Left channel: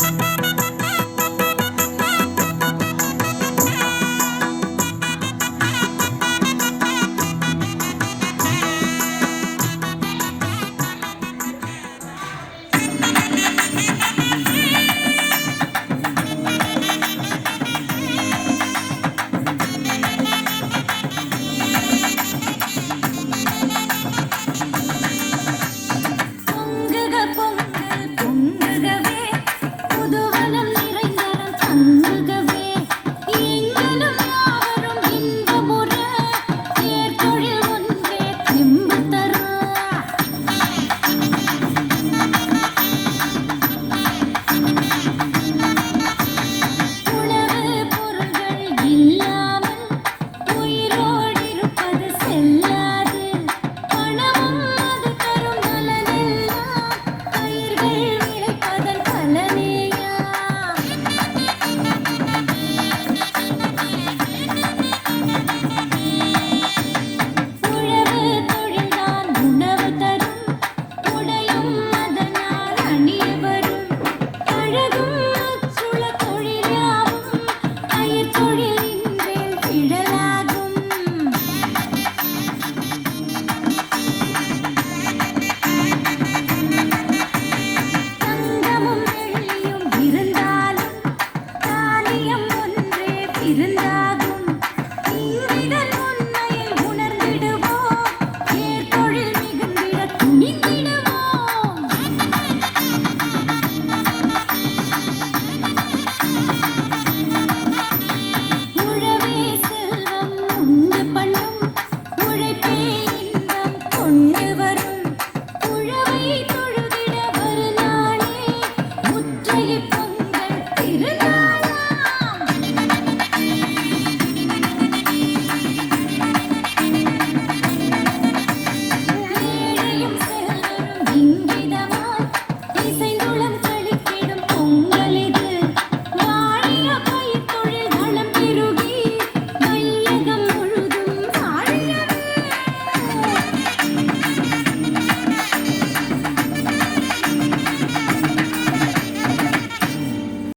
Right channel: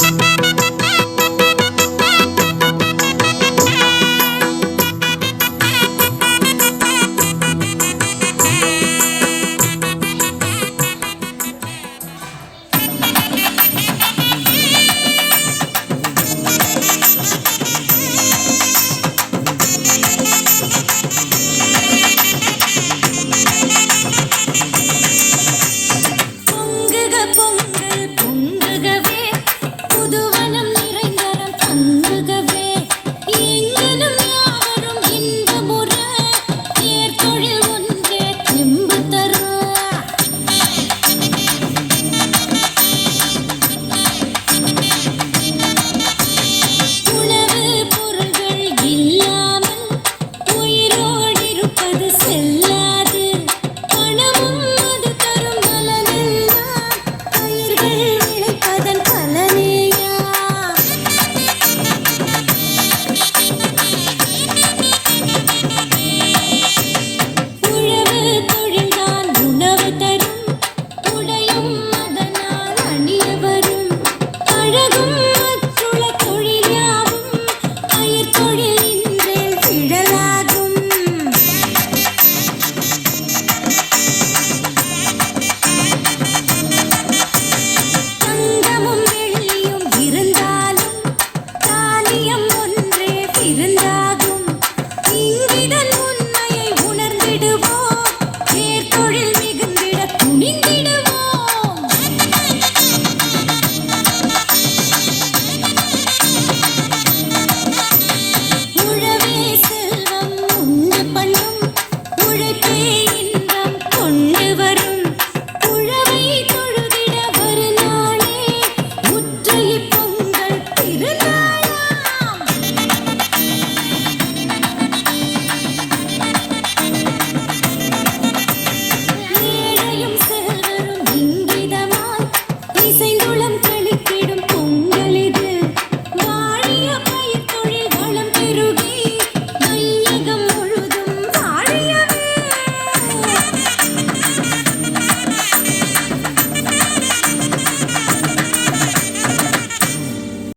Thank you.